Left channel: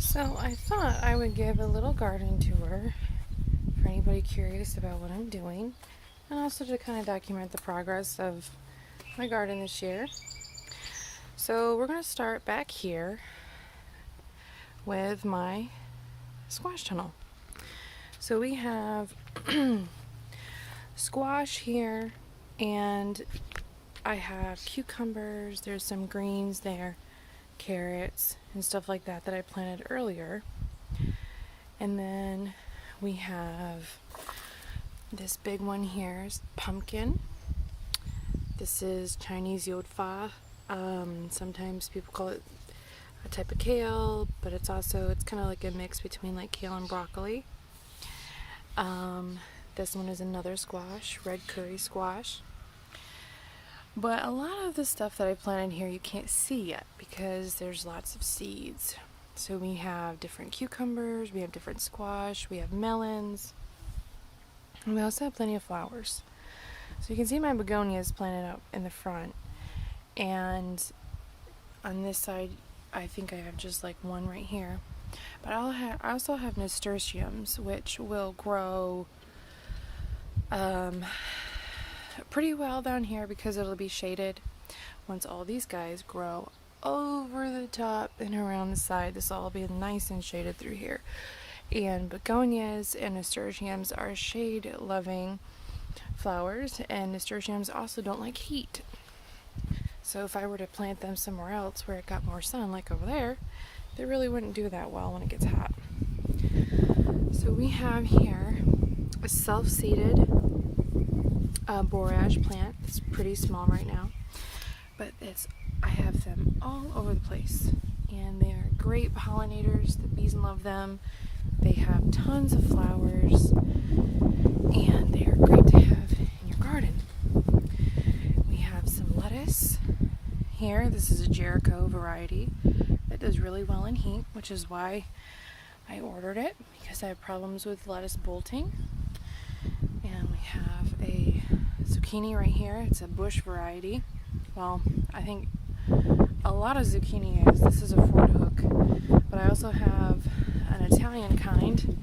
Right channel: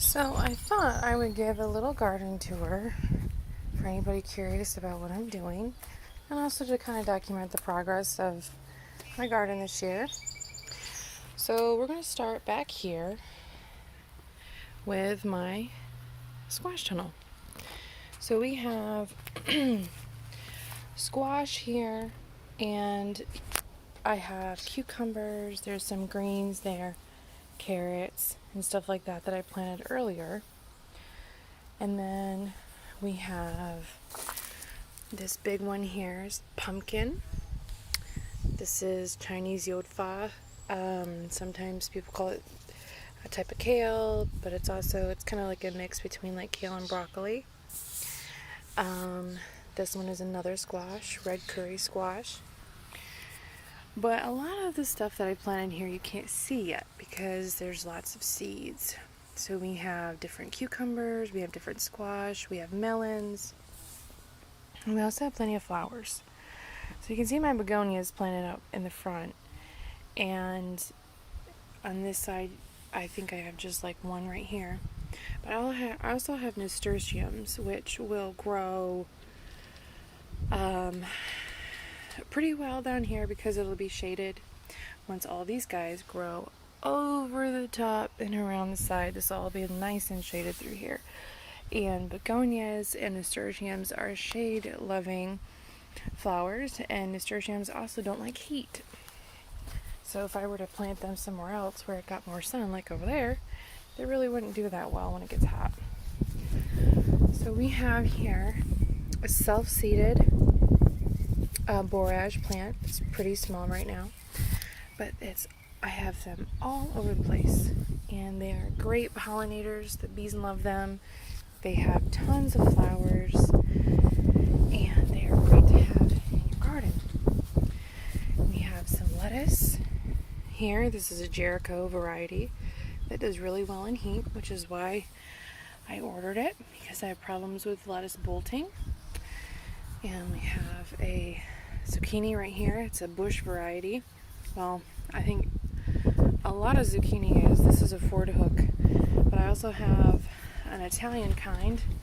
So I thought I would give a little garden tour for anybody curious about what I'm doing, and also to kind of document the progress of my garden this year. So we're going to start back here with my squash tunnel. So we have squash here, and I have cucumbers, there's some greens there, carrots, and stuff like that I planted earlier. And then we have this big one here is pumpkin. This is Chinese yodfa. Sometimes people call it a type of kale, but it's kind of like a mix between like kale and broccoli. This one is another squash, red curry squash. But a lot of the stuff that I planted here you can't see yet because there's lots of seeds. So we have different cucumbers, we have different squash, we have melons, and we also have plenty of flowers. So you can see my begonias planted up in the front, and on this side I think I have just like one right here. But I also have nasturtiums, which will grow pretty well down here because it'll be shaded. Once all these guys grow over the top and around the side, this will all be nice and shaded through here. And begonias and nasturtiums are shade loving flowers, and nasturtiums also don't like heat. So if I were to plant them somewhere else where it got more sun, like over there, they really wouldn't do that well when it gets hot. So we have here a self-seeded borage plant. It's pretty small right now, but I have them all over the place, and they are great pollinators. The bees love them. They have tons of flowers, and they are great to have in your garden. We have some lettuce here. This is a Jericho variety that does really well in heat, which is why I ordered it, because I have problems with lettuce bolting. And we have a zucchini right here. It's a bush variety. Well, I think a lot of zucchini is. This is a Ford hook, but I also have an Italian kind.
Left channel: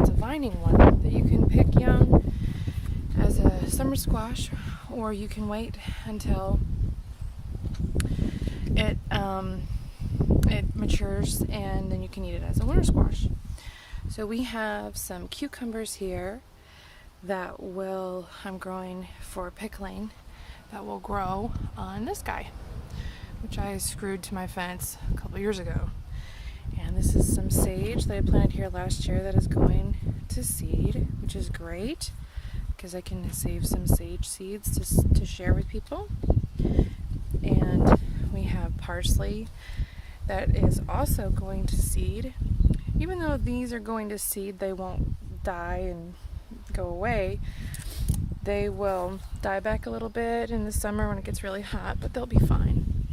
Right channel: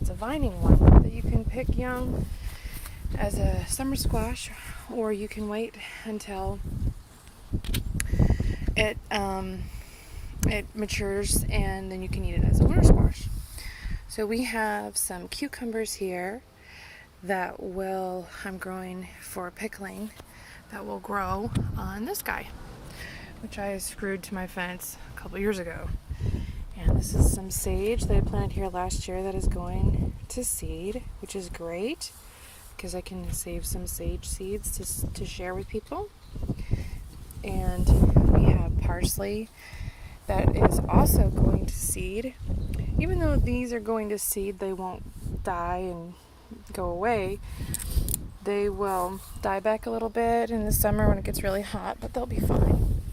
It's a vining one that you can pick young as a summer squash, or you can wait until it matures, and then you can eat it as a winter squash. So we have some cucumbers here that I'm growing for pickling, that will grow on this guy, which I screwed to my fence a couple years ago. And this is some sage that I planted here last year that is going to seed, which is great because I can save some sage seeds to share with people. And we have parsley that is also going to seed. Even though these are going to seed, they won't die and go away. They will die back a little bit in the summer when it gets really hot, but they'll be fine.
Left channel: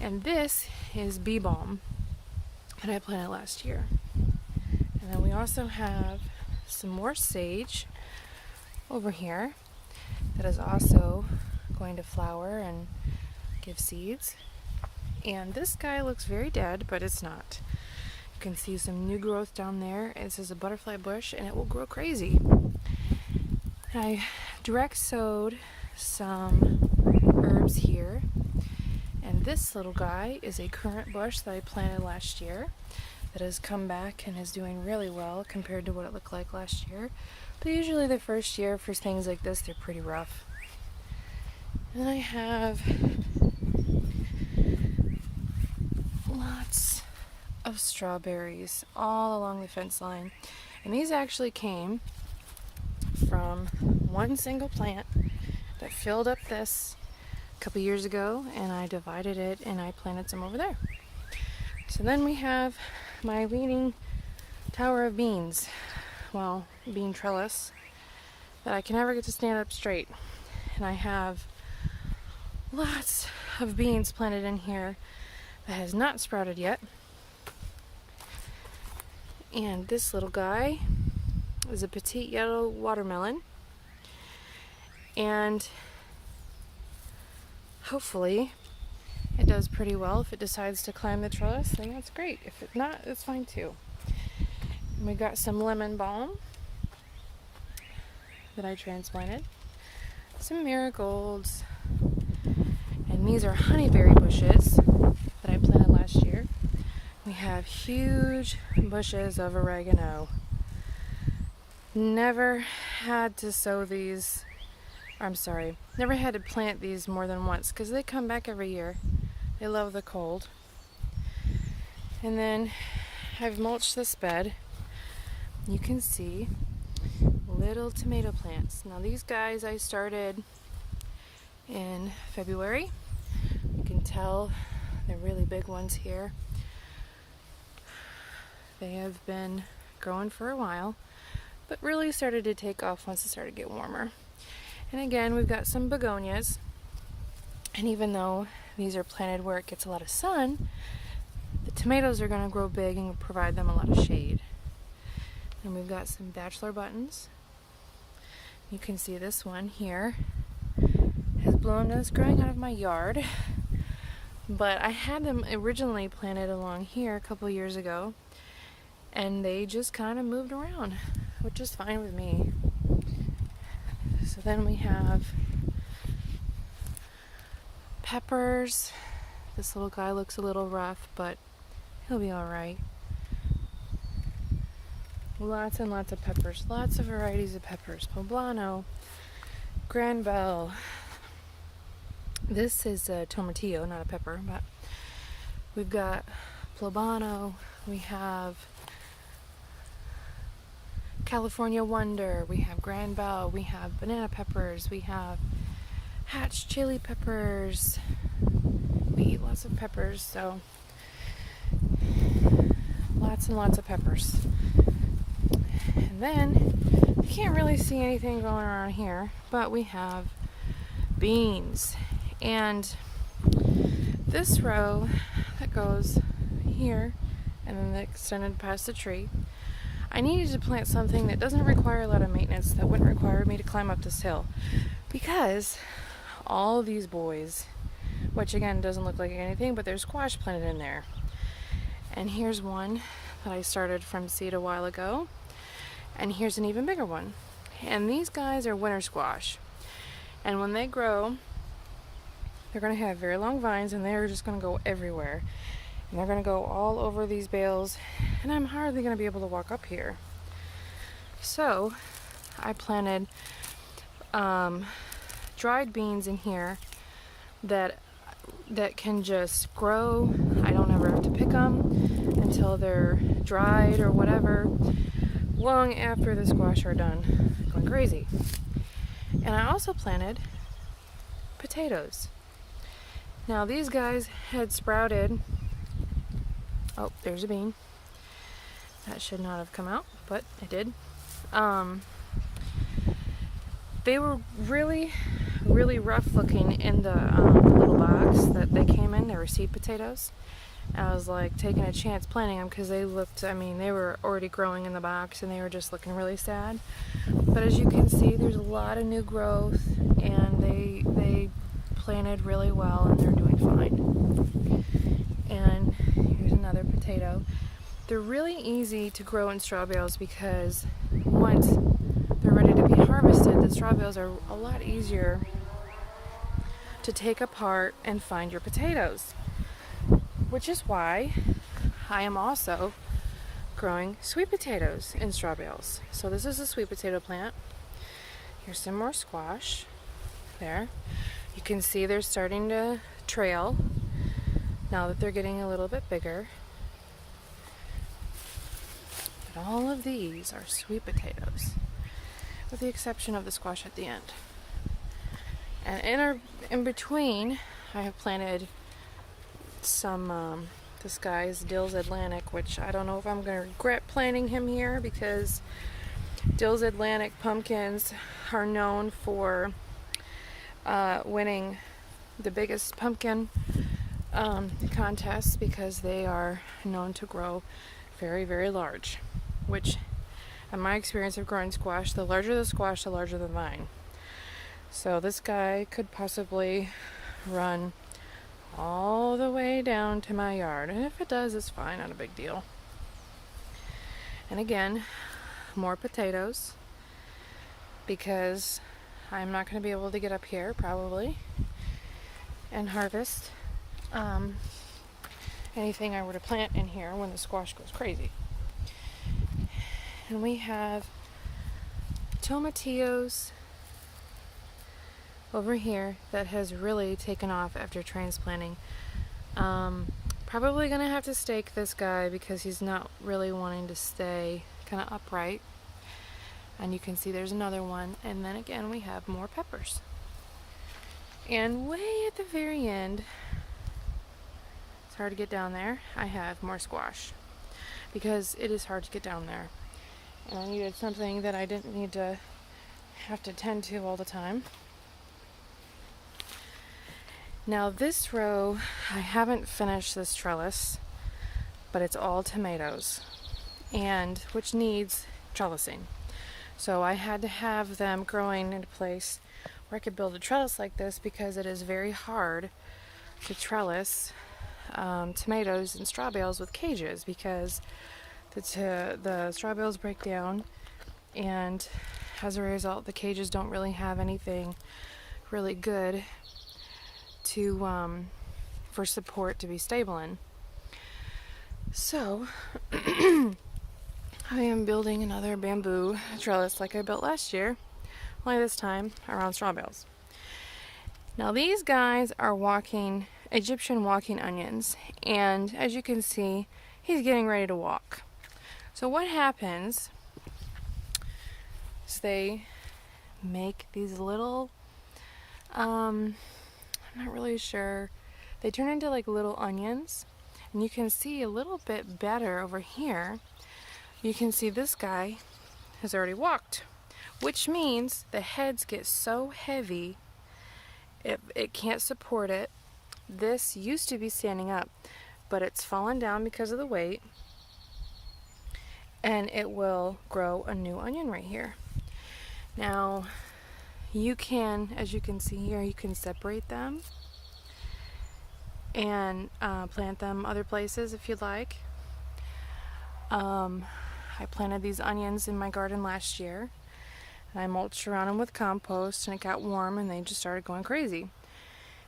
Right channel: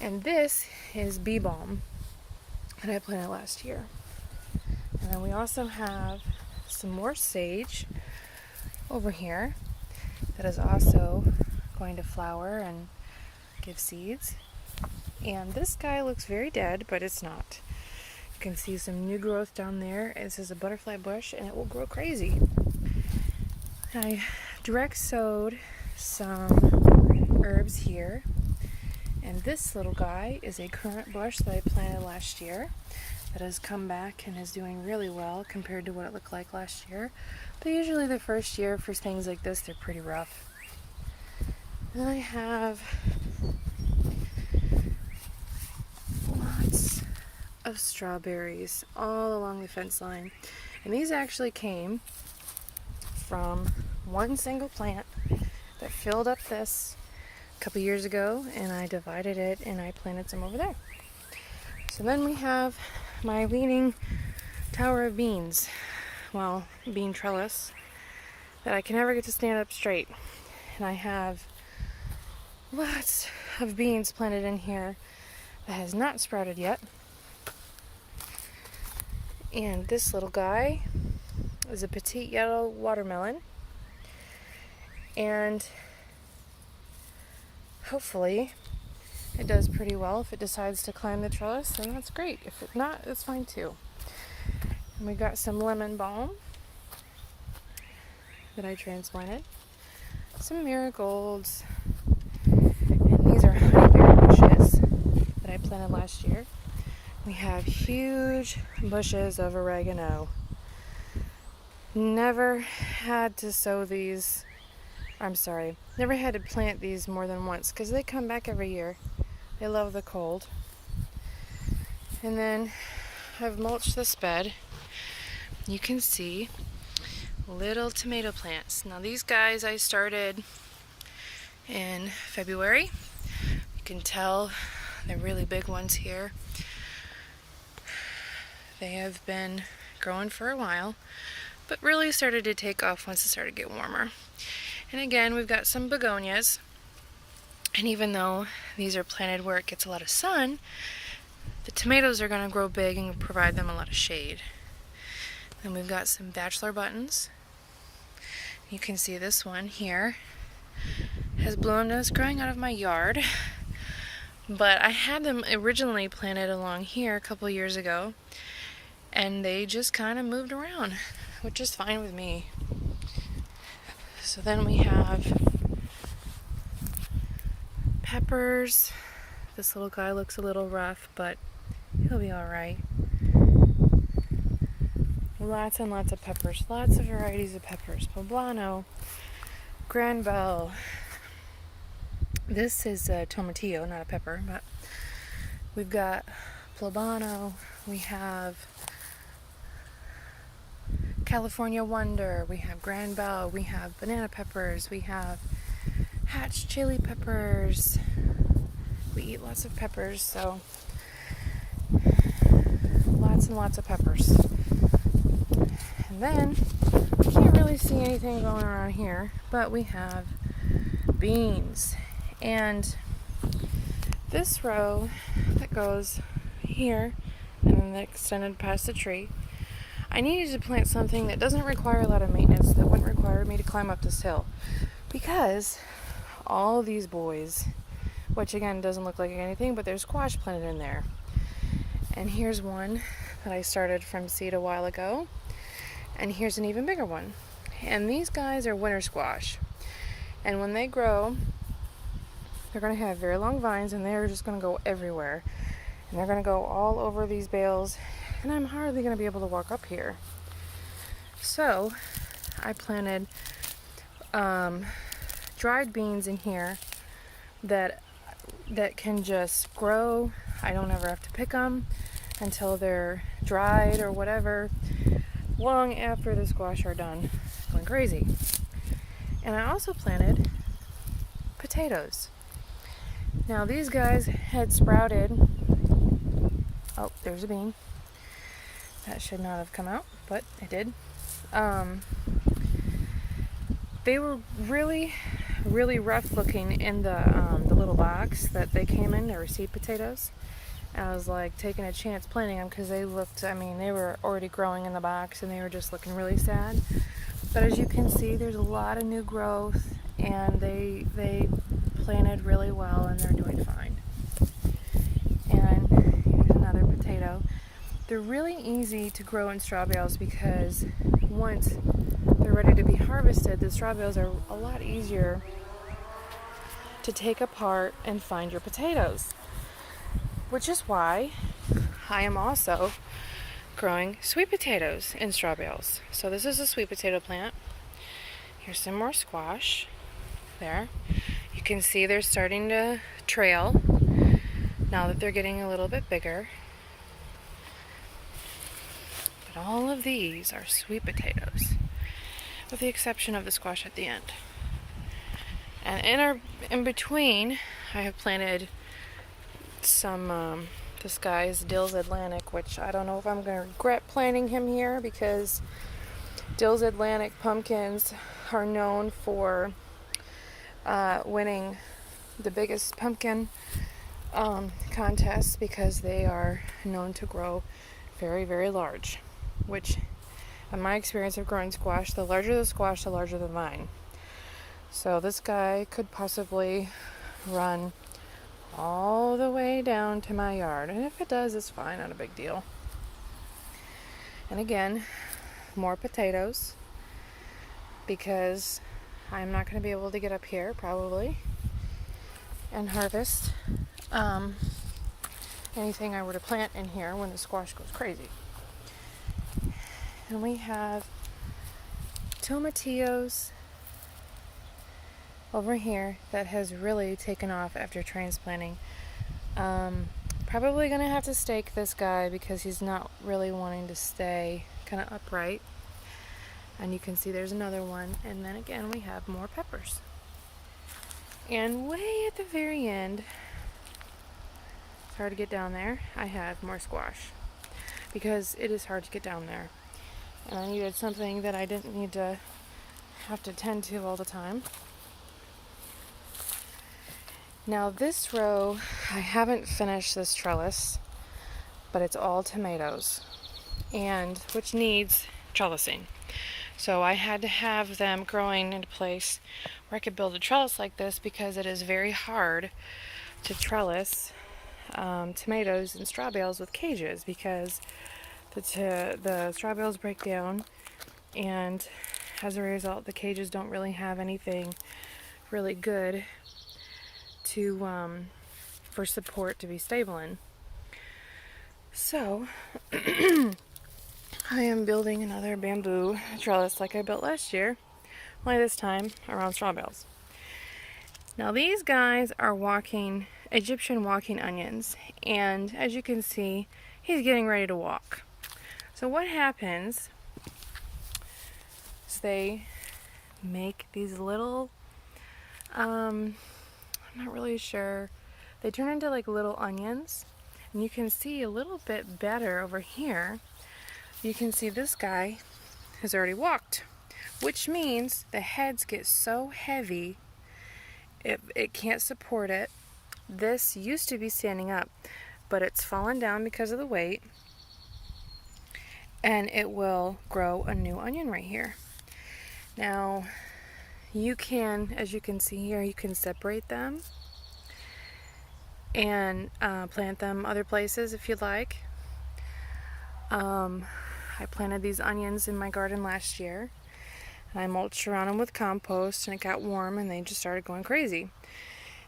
And this is bee balm that I planted last year. And then we also have some more sage over here that is also going to flower and give seeds. And this guy looks very dead, but it's not. You can see some new growth down there. This is a butterfly bush, and it will grow crazy. I direct sowed some herbs here, and this little guy is a currant bush that I planted last year that has come back and is doing really well compared to what it looked like last year. But usually the first year for things like this, they're pretty rough. And I have lots of strawberries all along the fence line, and these actually came from one single plant that filled up this a couple years ago, and I divided it and I planted some over there. So then we have my leaning tower of beans, bean trellis, that I can never get to stand up straight. And I have lots of beans planted in here that has not sprouted yet. And this little guy is a petite yellow watermelon, and hopefully it does pretty well. If it decides to climb the trellis, then that's great. If it not, it's fine too. And we got some lemon balm that I transplanted, some marigolds, and these are honeyberry bushes that I planted last year. We have huge bushes of oregano. Never had to never had to plant these more than once because they come back every year. They love the cold. And then I've mulched this bed. You can see little tomato plants. Now these guys I started in February. You can tell they're really big ones here. They have been growing for a while, but really started to take off once it started to get warmer. And again, we've got some begonias. And even though these are planted where it gets a lot of sun, the tomatoes are going to grow big and provide them a lot of shade. And we've got some bachelor buttons. You can see this one here has bloomed and it's growing out of my yard. But I had them originally planted along here a couple years ago, and they just kind of moved around, which is fine with me. So then we have peppers. This little guy looks a little rough, but he'll be alright. Lots and lots of peppers. Lots of varieties of peppers. Poblano, Granbell. This is a tomatillo, not a pepper, but we've got Poblano. We have California Wonder. We have Granbell. We have banana peppers. We have Hatch chili peppers. We eat lots of peppers, so lots and lots of peppers. And then you can't really see anything going around here, but we have beans. And this row that goes here and then extended past the tree, I needed to plant something that doesn't require a lot of maintenance, that wouldn't require me to climb up this hill, because all these boys, which again doesn't look like anything, but there's squash planted in there. And here's one that I started from seed a while ago, and here's an even bigger one. And these guys are winter squash, and when they grow, they're going to have very long vines, and they're just going to go everywhere, and they're going to go all over these bales, and I'm hardly going to be able to walk up here. So I planted dried beans in here that can just grow. I don't ever have to pick them until they're dried or whatever, long after the squash are done going crazy. And I also planted potatoes. Now these guys had sprouted. Oh, there's a bean. That should not have come out, but it did. They were really, really rough looking in the little box that they came in. They were seed potatoes. And I was like taking a chance planting them because they looked, they were already growing in the box and they were just looking really sad. But as you can see, there's a lot of new growth, and they planted really well and they're doing fine. And here's another potato. They're really easy to grow in straw bales because once they're ready to be harvested, the straw bales are a lot easier to take apart and find your potatoes. Which is why I am also growing sweet potatoes in straw bales. So this is a sweet potato plant. Here's some more squash. There. You can see they're starting to trail now that they're getting a little bit bigger. But all of these are sweet potatoes, with the exception of the squash at the end. And in between, I have planted some, this guy's Dill's Atlantic, which I don't know if I'm going to regret planting him here, because Dill's Atlantic pumpkins are known for winning the biggest pumpkin contests, because they are known to grow very, very large, which in my experience of growing squash, the larger the squash, the larger the vine. So this guy could possibly run all the way down to my yard. And if it does, it's fine, not a big deal. And again, more potatoes, because I'm not going to be able to get up here probably and harvest anything I were to plant in here when the squash goes crazy. And we have tomatillos over here that has really taken off after transplanting. Probably gonna have to stake this guy because he's not really wanting to stay kind of upright. And you can see there's another one. And then again, we have more peppers. And way at the very end, it's hard to get down there, I have more squash because it is hard to get down there. And I needed something that I didn't need to have to tend to all the time. Now this row, I haven't finished this trellis, but it's all tomatoes, and which needs trellising. So I had to have them growing into place where I could build a trellis like this, because it is very hard to trellis tomatoes and straw bales with cages, because the straw bales break down, and as a result the cages don't really have anything really good to for support to be stable in. So I am building another bamboo trellis like I built last year, only this time around straw bales. Now these guys are Egyptian walking onions, and as you can see, he's getting ready to walk. So what happens is they make these little, I'm not really sure, they turn into like little onions, and you can see a little bit better over here. You can see this guy has already walked, which means the heads get so heavy it can't support it. This used to be standing up, but it's fallen down because of the weight, and it will grow a new onion right here. Now you can, as you can see here, you can separate them and plant them other places if you'd like. I planted these onions in my garden last year, and I mulched around them with compost, and it got warm and they just started going crazy.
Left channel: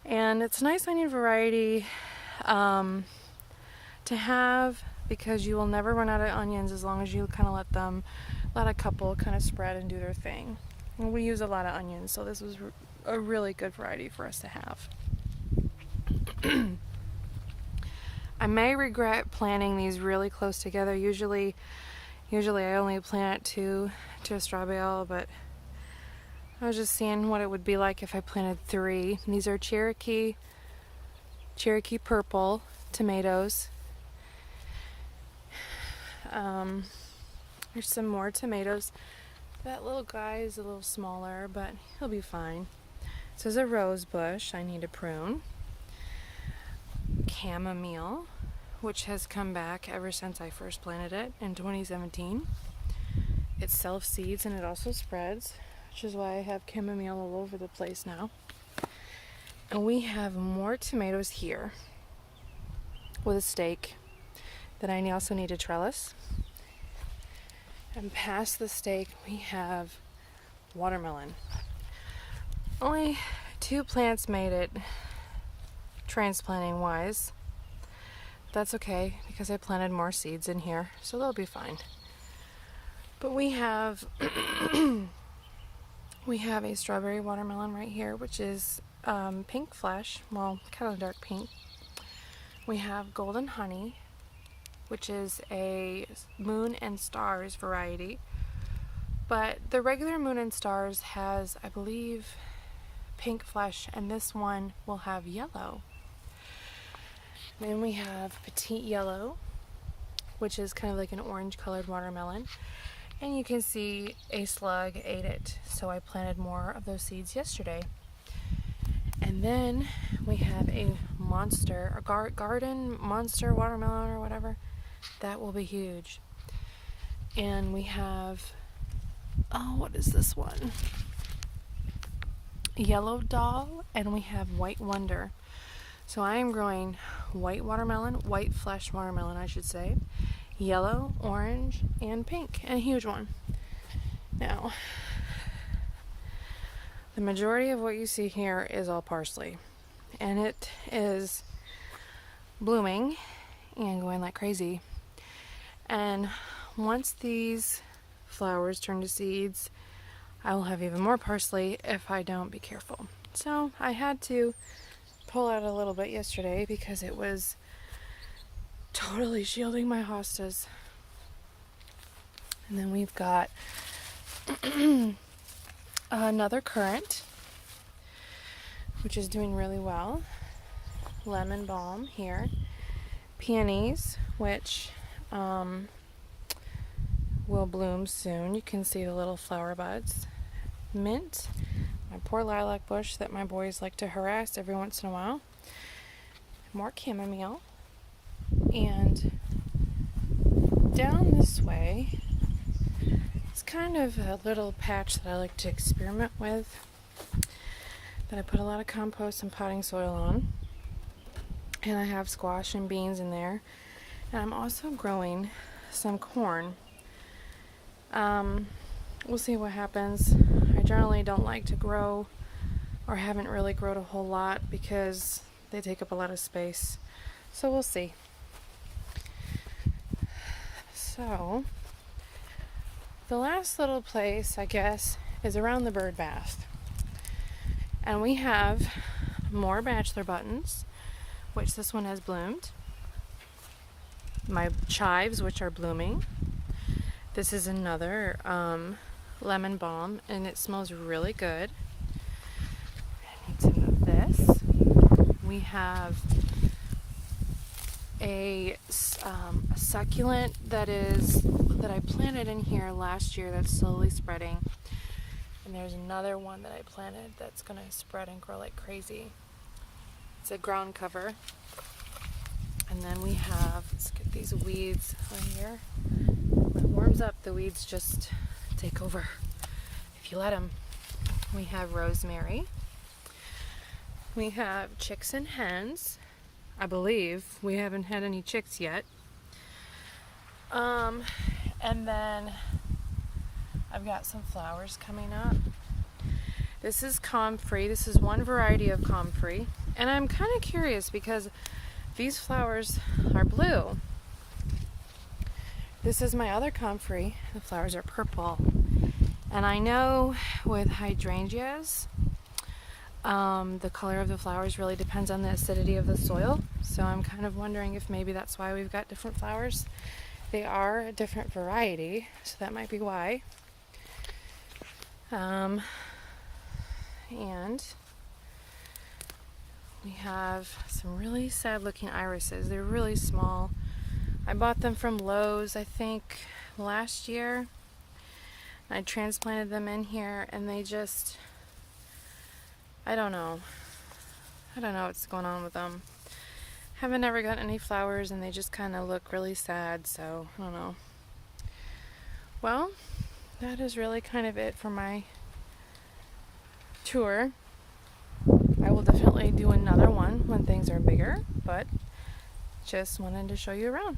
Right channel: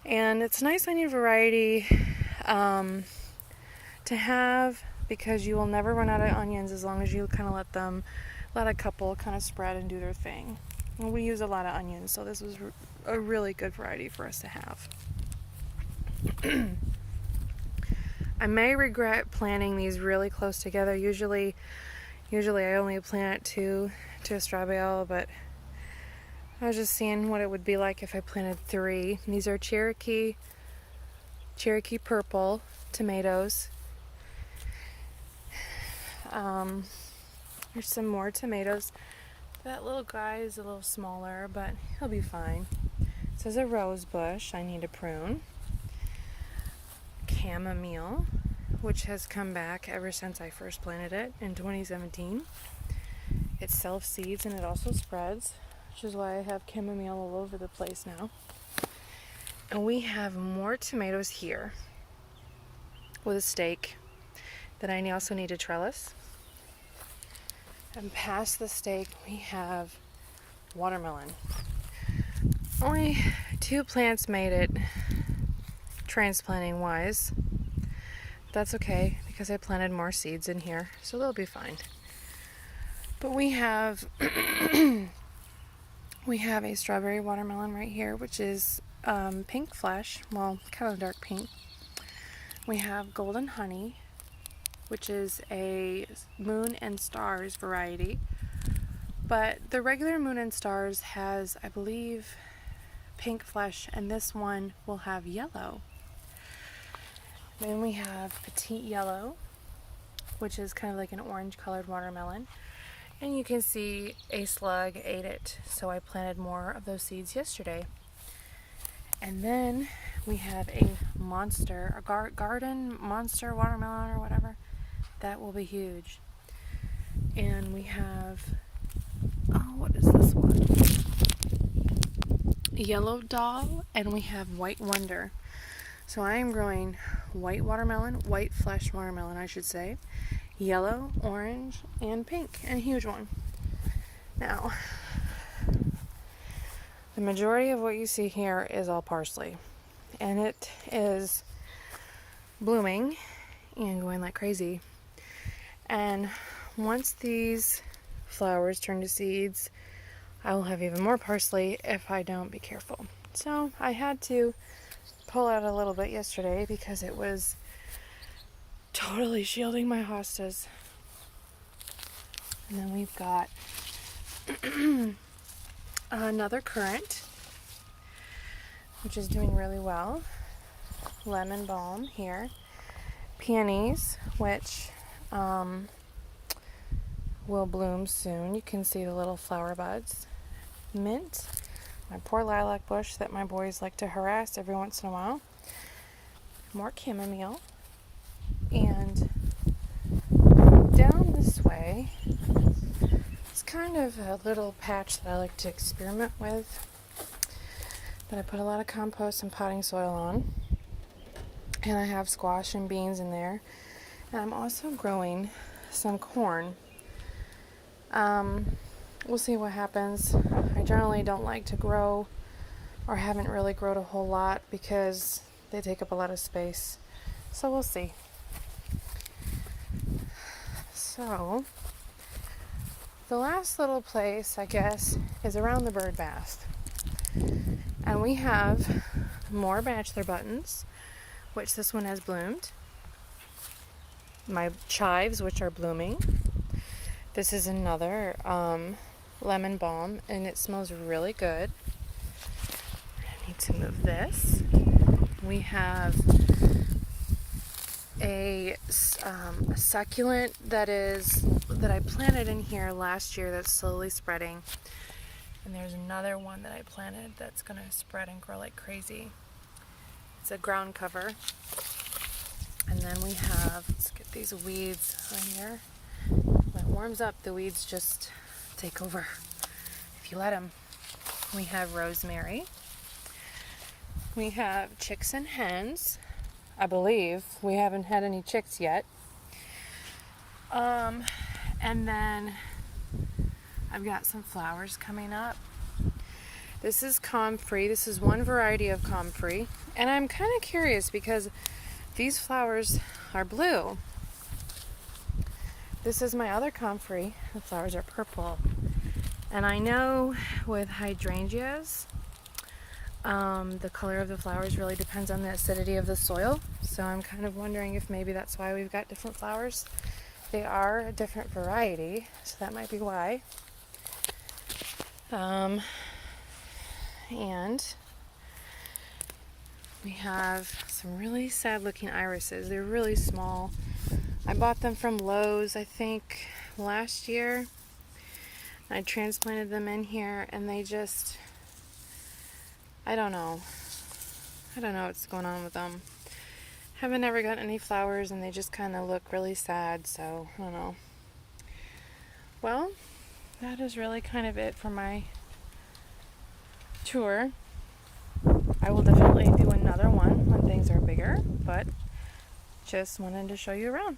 And it's a nice onion variety to have, because you will never run out of onions as long as you kind of let a couple kind of spread and do their thing. And we use a lot of onions, so this was a really good variety for us to have. I may regret planting these really close together. Usually I only plant two to a straw bale, but I was just seeing what it would be like if I planted 3. And these are Cherokee purple tomatoes. There's some more tomatoes. That little guy is a little smaller, but he'll be fine. This is a rose bush I need to prune. Chamomile, which has come back ever since I first planted it in 2017. It self-seeds and it also spreads, which is why I have chamomile all over the place now. And we have more tomatoes here with a stake that I also need to trellis. And past the stake we have watermelon. Only 2 plants made it transplanting wise. That's okay, because I planted more seeds in here, so they'll be fine. But we have a strawberry watermelon right here, which is pink flesh, well, kind of dark pink. We have golden honey, which is a moon and stars variety, but the regular moon and stars has, I believe, pink flesh, and this one will have yellow. Then we have petite yellow, which is kind of like an orange colored watermelon, and you can see a slug ate it, so I planted more of those seeds yesterday. And then we have a garden monster watermelon or whatever. That will be huge. And we have, what is this one? Yellow doll, and we have white wonder. So I am growing white flesh watermelon, I should say, yellow, orange, and pink, and a huge one. Now, the majority of what you see here is all parsley, and it is blooming and going like crazy. And once these flowers turn to seeds, I will have even more parsley if I don't be careful. So I had to pull out a little bit yesterday because it was totally shielding my hostas. And then we've got another currant, which is doing really well. Lemon balm here. Peonies, which will bloom soon. You can see the little flower buds. Mint, my poor lilac bush that my boys like to harass every once in a while. More chamomile. And down this way, it's kind of a little patch that I like to experiment with, that I put a lot of compost and potting soil on. And I have squash and beans in there. And I'm also growing some corn. We'll see what happens. I generally don't like to grow, or haven't really grown a whole lot, because they take up a lot of space. So we'll see. So, the last little place, I guess, is around the bird bath. And we have more bachelor buttons, which this one has bloomed. My chives, which are blooming. This is another lemon balm, and it smells really good. I need to move this. We have a succulent that I planted in here last year that's slowly spreading. And there's another one that I planted that's going to spread and grow like crazy. It's a ground cover. And then we have, let's get these weeds right here. When it warms up, the weeds just take over if you let them. We have rosemary. We have chicks and hens. I believe we haven't had any chicks yet. And then I've got some flowers coming up. This is comfrey. This is one variety of comfrey. And I'm kind of curious because these flowers are blue. This is my other comfrey. The flowers are purple. And I know with hydrangeas, the color of the flowers really depends on the acidity of the soil. So I'm kind of wondering if maybe that's why we've got different flowers. They are a different variety, so that might be why. And we have some really sad looking irises. They're really small. I bought them from Lowe's, I think, last year. I transplanted them in here, and they just, I don't know what's going on with them. Haven't ever gotten any flowers, and they just kind of look really sad, so I don't know. Well, that is really kind of it for my tour. I will definitely do another one when things are bigger, but just wanted to show you around.